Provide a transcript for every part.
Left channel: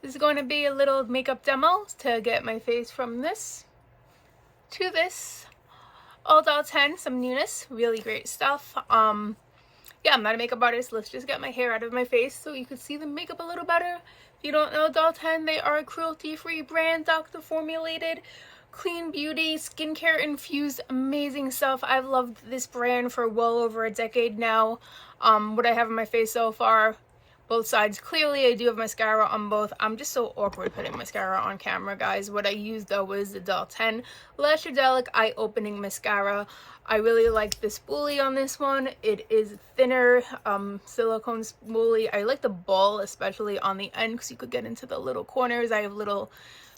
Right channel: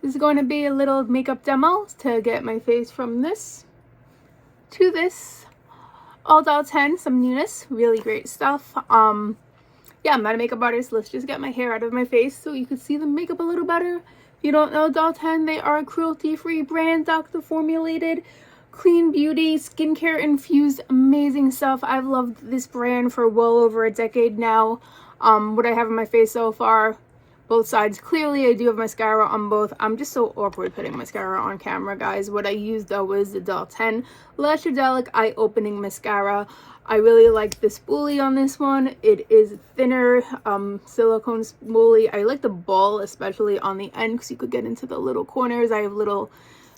This is going to be a little makeup demo to get my face from this to this. All Doll 10, some newness, really great stuff. Yeah, I'm not a makeup artist. Let's just get my hair out of my face so you can see the makeup a little better. If you don't know Doll 10, they are a cruelty-free brand, doctor formulated, clean beauty, skincare infused, amazing stuff. I've loved this brand for well over a decade now. What I have on my face so far, both sides. Clearly, I do have mascara on both. I'm just so awkward putting mascara on camera, guys. What I used, though, was the Doll 10 Lashadelic Eye Opening Mascara. I really like the spoolie on this one. It is thinner, silicone spoolie. I like the ball, especially on the end, because you could get into the little corners. I have little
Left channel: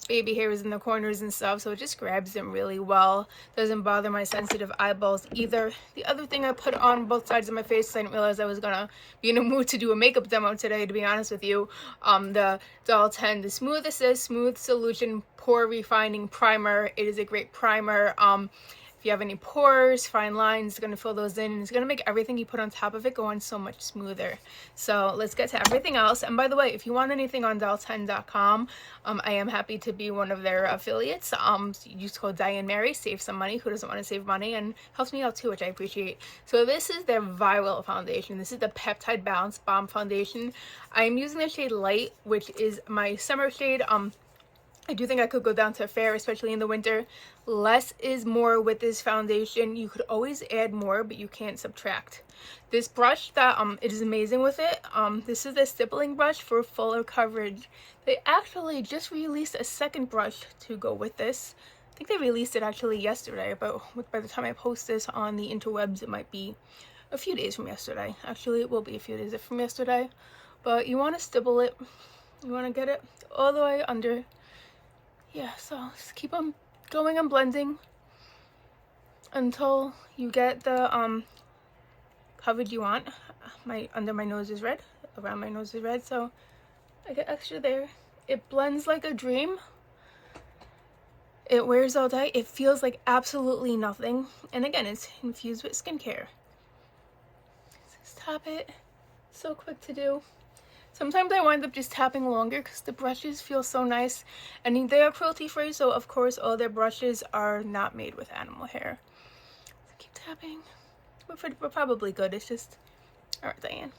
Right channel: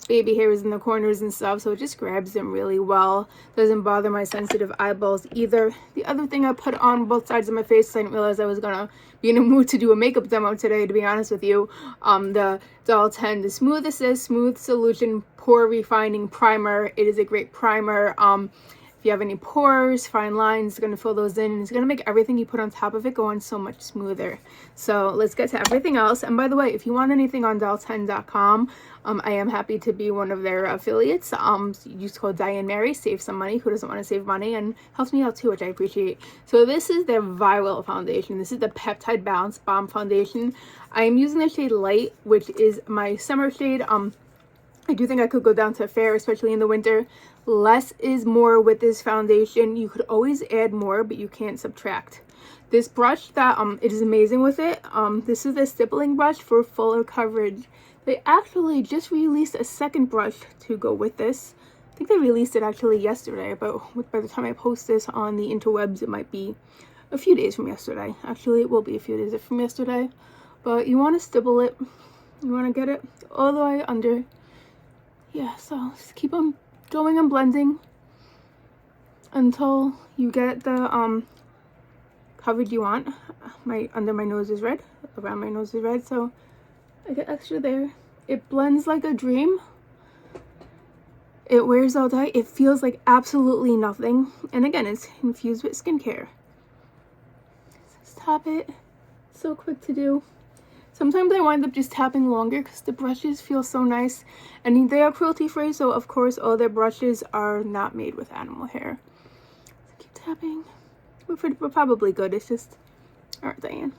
baby hairs in the corners and stuff, so it just grabs them really well. Doesn't bother my sensitive eyeballs either. The other thing I put on both sides of my face, I didn't realize I was gonna be in a mood to do a makeup demo today, to be honest with you. The Doll 10, the Smooth Assist Smooth Solution Pore Refining Primer. It is a great primer. If you have any pores, fine lines, it's going to fill those in, and it's going to make everything you put on top of it go on so much smoother. So let's get to everything else. And by the way, if you want anything on doll10.com, I am happy to be one of their affiliates. Use code Diane Mary, save some money. Who doesn't want to save money? And helps me out too, which I appreciate. So this is their viral foundation. This is the Peptide Bounce Balm Foundation. I am using the shade Light, which is my summer shade. I do think I could go down to fair, especially in the winter. Less is more with this foundation. You could always add more, but you can't subtract. This brush, that it is amazing with it. This is the stippling brush for fuller coverage. They actually just released a second brush to go with this. I think they released it actually yesterday, but by the time I post this on the interwebs, it might be a few days from yesterday. Actually, it will be a few days from yesterday. But you want to stipple it. You want to get it all the way under. Yeah, so just keep on going and blending until you get the coverage you want. Under my nose is red, around my nose is red, so I get extra there. It blends like a dream. It wears all day. It feels like absolutely nothing. And again, it's infused with skincare. Let's tap it. So quick to do. Sometimes I wind up just tapping longer because the brushes feel so nice. And they are cruelty free, so of course all their brushes are not made with animal hair. So keep tapping. We're probably good. It's just, all right, Diane,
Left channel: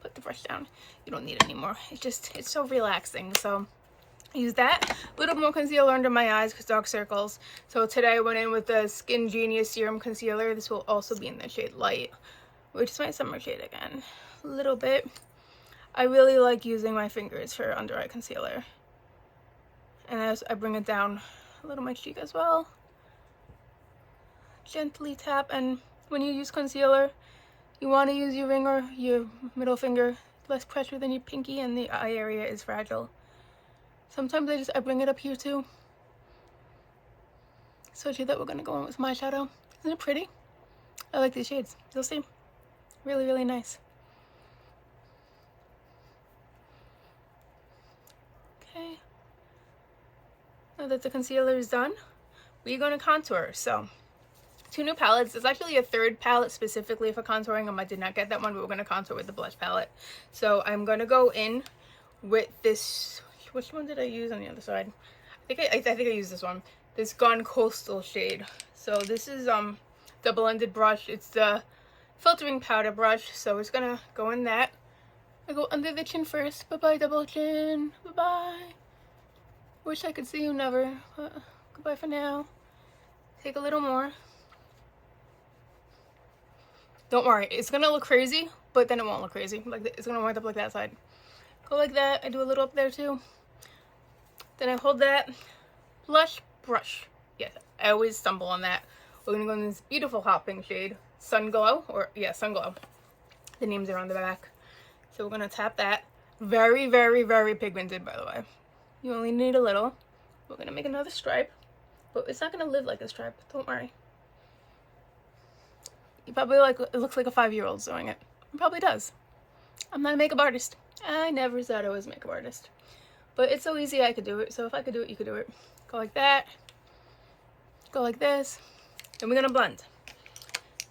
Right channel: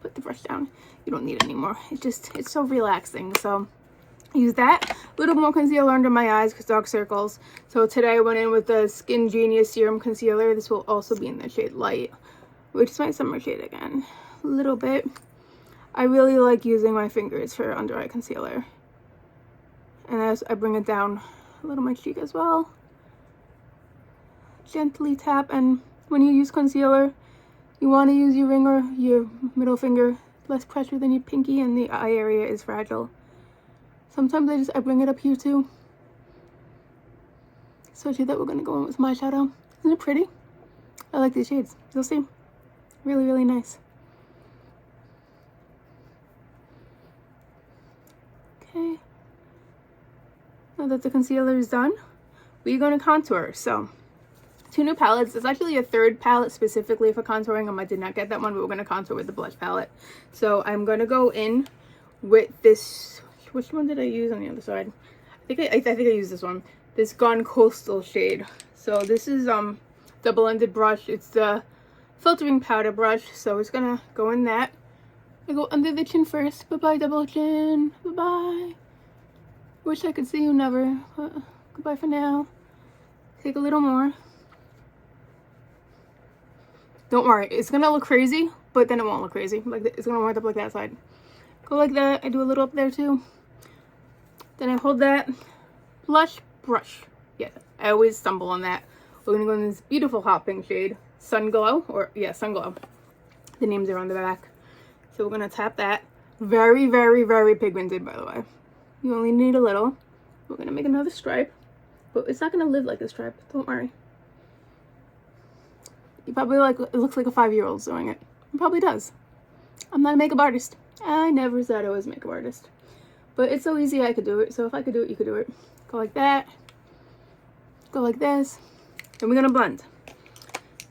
put the brush down. You don't need it anymore. It's so relaxing. So use that. A little more concealer under my eyes because dark circles. So today I went in with the Skin Genius Serum Concealer. This will also be in the shade Light, which is my summer shade again. A little bit. I really like using my fingers for under eye concealer. And as I bring it down a little my cheek as well. Gently tap, and when you use concealer, you want to use your ring or your middle finger. Less pressure than your pinky, and the eye area is fragile. Sometimes I bring it up here too. Especially that we're going to go in with my shadow. Isn't it pretty? I like these shades. You'll see. Really, really nice. Okay, now that the concealer is done, we're going to contour. So, 2 new palettes. There's actually a third palette specifically for contouring. I did not get that one, but we're going to contour with the blush palette. So, I'm going to go in with this. Which one did I use on the other side? I think I used this one. This Gone Coastal shade. So, this is double-ended brush. It's the filtering powder brush. So, it's going to go in that. I go under the chin first. Bye-bye, double chin. Bye-bye. Wish I could see you never. But goodbye for now. Take a little more. Don't worry. It's going to look crazy, but then it won't look crazy. Like it's going to wind up like that side. Go like that. I do a little up there too. Then I hold that blush brush. Yeah, I always stumble on that. We're going to go in this beautiful hot pink shade. Sun Glow. Or, yeah, Sun Glow. The names are on the back. So we're going to tap that. Very, very, very pigmented, by the way. You only need a little. We're going to make another stripe. But it's not going to live like a stripe. Don't worry. You probably it looks like a 5-year-old doing it. It probably does. I'm not a makeup artist. I never said I was a makeup artist. But it's so easy I could do it. So if I could do it, you could do it. Go like that. Go like this. And we're going to blend.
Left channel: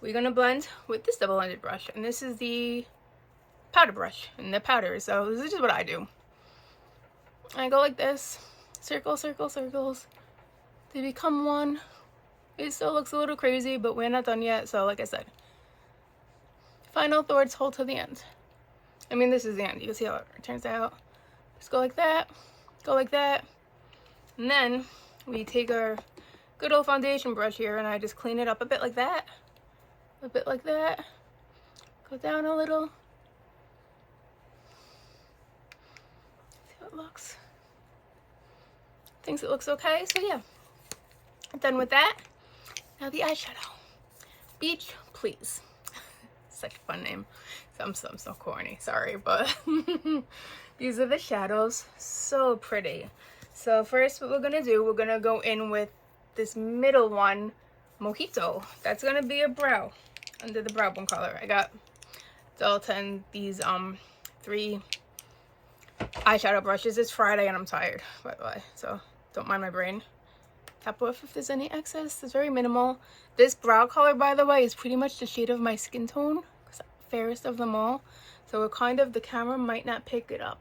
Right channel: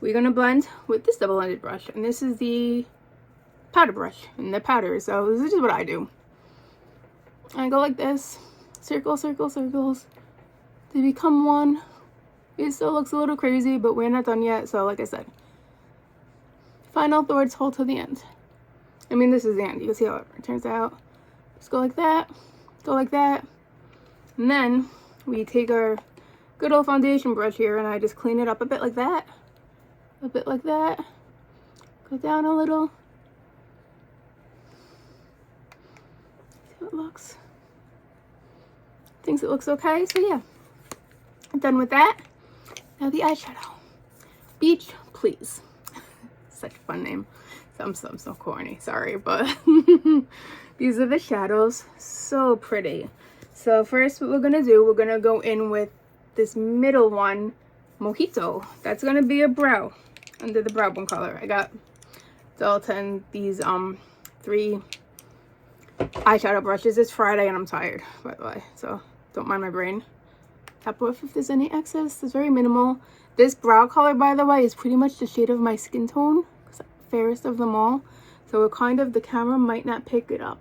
We're going to blend with this double-ended brush. And this is the powder brush and the powder. So this is just what I do. I go like this, circle, circle, circles, to become one. It still looks a little crazy, but we're not done yet. So like I said, final thoughts, hold to the end. I mean, this is the end. You can see how it turns out. Just go like that, and then we take our good old foundation brush here, and I just clean it up a bit like that, go down a little. See how it looks. Thinks it looks okay, so yeah. I'm done with that. Now the eyeshadow. Beach Please. Such a fun name. I'm so corny, sorry, but these are the shadows. So pretty. So first what we're gonna do, we're gonna go in with this middle one, Mojito. That's gonna be a brow, under the brow bone color. I got DollSkin these 3 eyeshadow brushes. It's Friday and I'm tired, by the way, so don't mind my brain. Tap off if there's any excess. It's very minimal. This brow color, by the way, is pretty much the shade of my skin tone. It's the fairest of them all, so it kind of, the camera might not pick it up.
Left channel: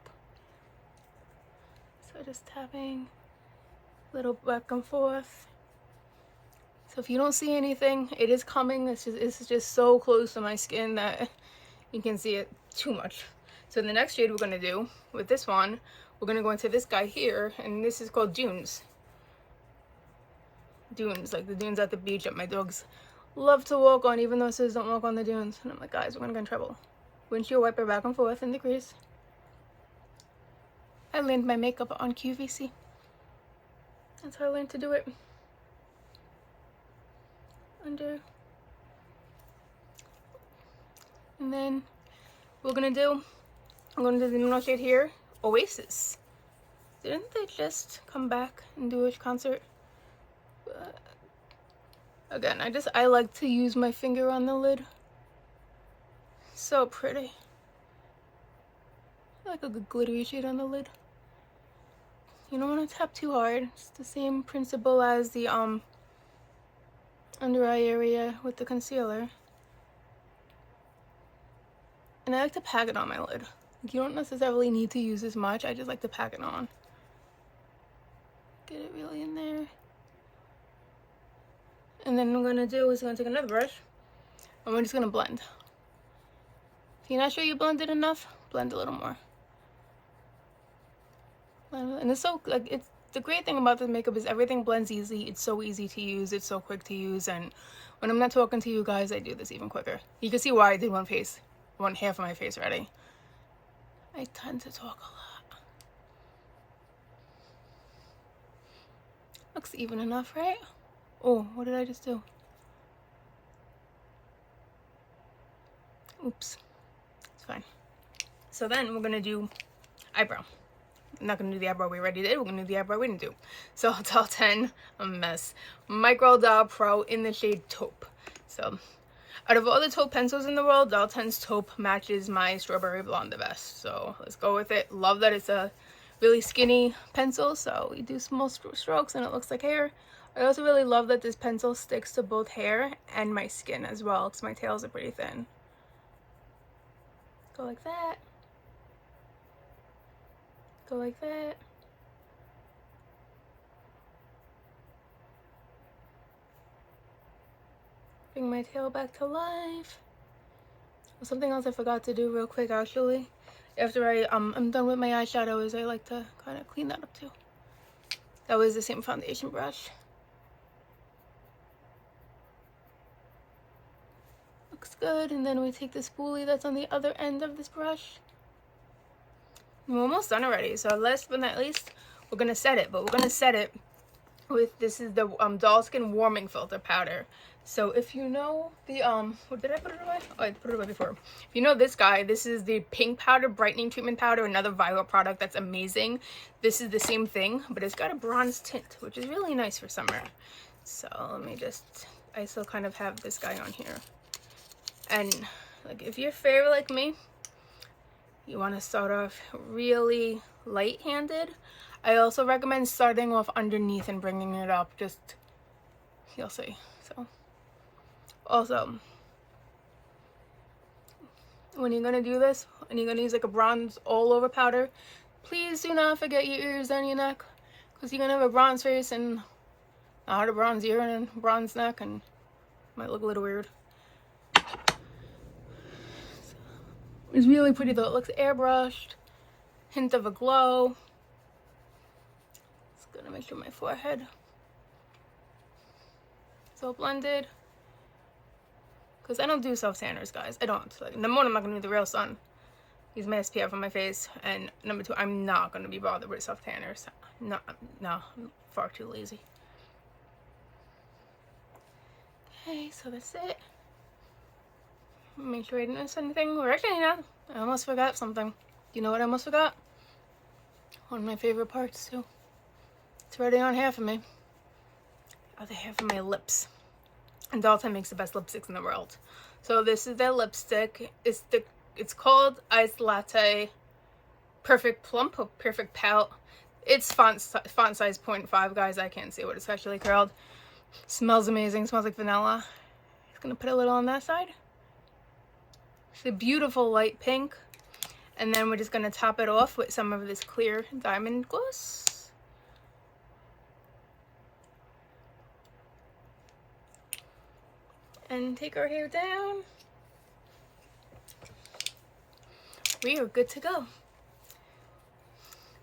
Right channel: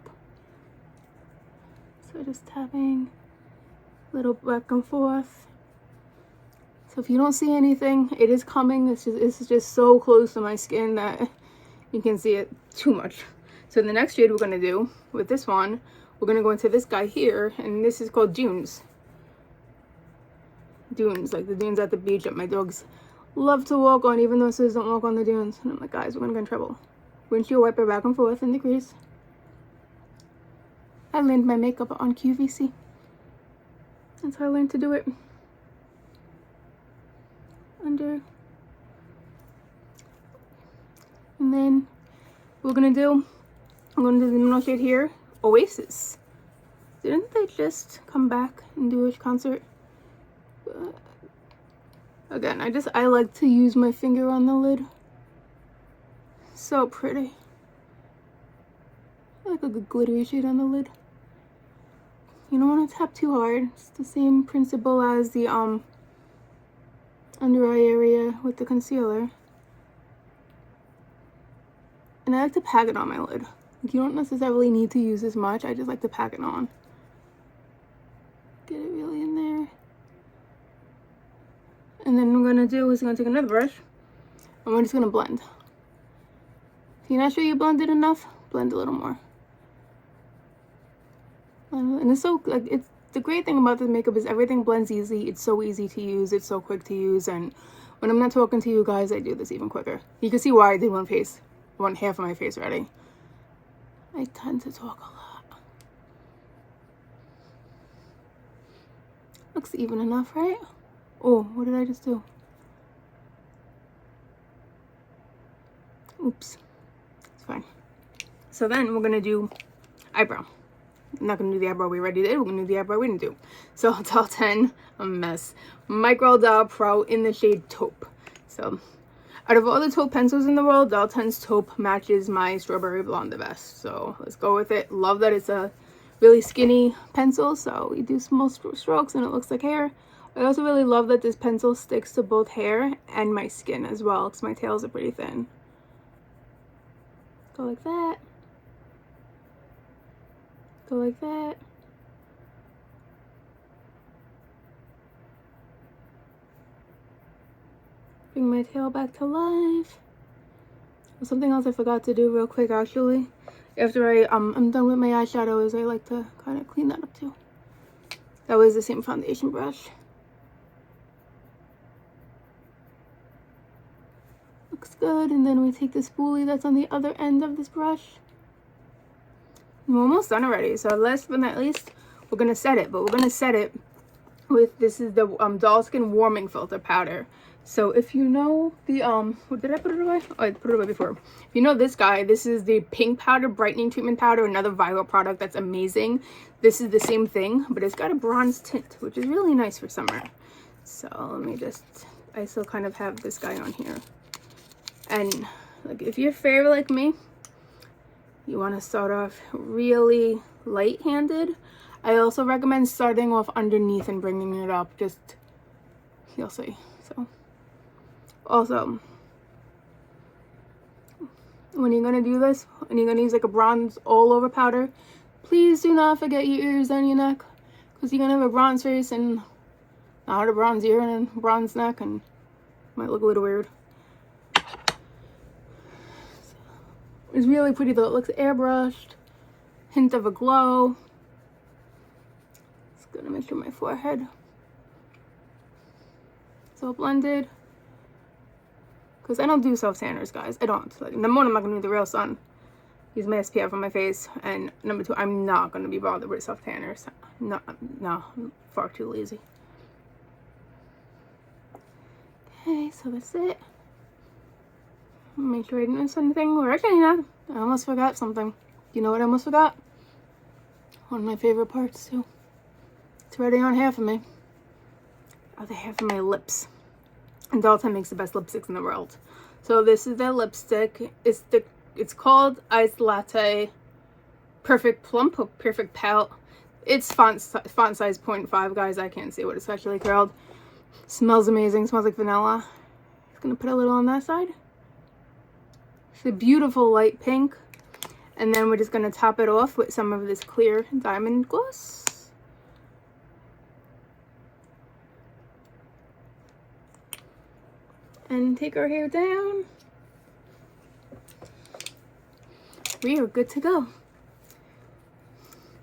So just tapping a little back and forth. So if you don't see anything, it is coming. It's just so close to my skin that you can see it too much. So the next shade we're going to do with this one, we're going to go into this guy here, and this is called Dunes. Dunes, like the dunes at the beach that my dogs love to walk on, even though it says don't walk on the dunes. And I'm like, guys, we're going to get in trouble. Windshield wiper back and forth in the crease. I learned my makeup on QVC. That's how I learned to do it. Under. And then we're going to do, I'm going to do the middle shade here, Oasis. Didn't they just come back and do a concert? But again, I like to use my finger on the lid. So pretty. I like a good glittery shade on the lid. You don't want to tap too hard. It's the same principle as the under eye area with the concealer. And I like to pack it on my lid. You don't necessarily need to use this much. I just like to pack it on. Get it really in there. And then what I'm going to do is I'm going to take another brush and we're just going to blend. If you're not sure you blended enough, blend a little more. And it's so, like, it's the great thing about this makeup is everything blends easy. It's so easy to use. It's so quick to use. And when I'm not talking to you guys, I do this even quicker. You can see why I did one half of my face already. I tend to talk a lot. Looks even enough, right? Oh, what did I just do? Oops. It's fine. So then we're going to do eyebrow. I'm not going to do the eyebrow we already did. We're going to do the eyebrow we didn't do. So DollSkin, a mess. Micro Doll Pro in the shade Taupe. So out of all the taupe pencils in the world, DollSkin's Taupe matches my Strawberry Blonde the best. So let's go with it. Love that it's a really skinny pencil. So we do small strokes and it looks like hair. I also really love that this pencil sticks to both hair and my skin as well, because my tails are pretty thin. Go like that. Go like that. Bring my tail back to life. Something else I forgot to do real quick actually. After I'm done with my eyeshadow is I like to kind of clean that up too. That was the same foundation brush. Looks good. And then we take the spoolie that's on the other end of this brush. We're almost done already. So last but not least, we're going to set it. But we're going to set it with, this is the DollSkin Warming Filter Powder. So if you know the, what did I put it away? Oh, I put it away before. If you know this guy, this is the Pink Powder Brightening Treatment Powder, another viral product that's amazing. This is the same thing, but it's got a bronze tint, which is really nice for summer. So let me just, I still kind of have this guy on here. And like, if you're fair like me, you want to start off really light-handed. I also recommend starting off underneath and bringing it up. Just, you'll see. So, also, when you're going to do this, and you're going to use like a bronze all-over powder, Please do not forget your ears and your neck, because you're gonna have a bronze face and not a bronze ear and a bronze neck, and might look a little weird. It's really pretty though. It looks airbrushed. Hint of a glow. Just gonna make sure my forehead is all blended. Because I don't do self-tanners, guys. I don't. Like, number one, I'm not gonna do the real sun. Use my SPF on my face. And number two, I'm not gonna be bothered with self-tanners. No, I'm far too lazy. Okay, so that's it. Make sure I didn't miss anything. Or actually, no, I almost forgot something. You know what I almost forgot? One of my favorite parts, too. It's already on half of me. Other half of my lips. And Latte makes the best lipsticks in the world. So this is their lipstick. It's called Iced Latte Perfect Plump or Perfect Pout. It's font size 0.5, guys. I can't see what it's actually called. Smells amazing. Smells like vanilla. Just gonna put a little on that side. It's a beautiful light pink. And then we're just gonna top it off with some of this clear diamond gloss. And take our hair down. We are good to go.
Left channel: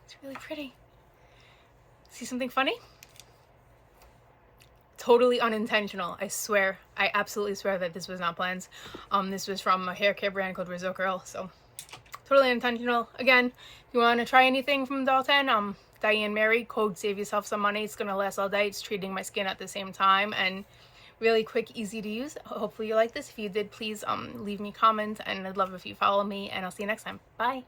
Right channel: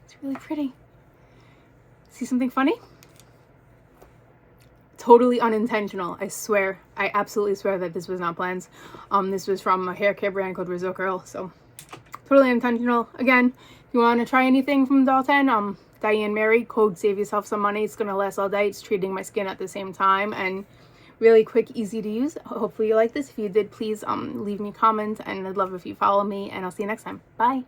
It's really pretty. See something funny? Totally unintentional, I swear. I absolutely swear that this was not planned. This was from a hair care brand called Rizzo Curl, so totally unintentional. Again, if you want to try anything from Latte, Diane Mary, code save yourself some money. It's gonna last all day. It's treating my skin at the same time and really quick, easy to use. Hopefully you like this. If you did, please leave me comments, and I'd love if you follow me, and I'll see you next time. Bye.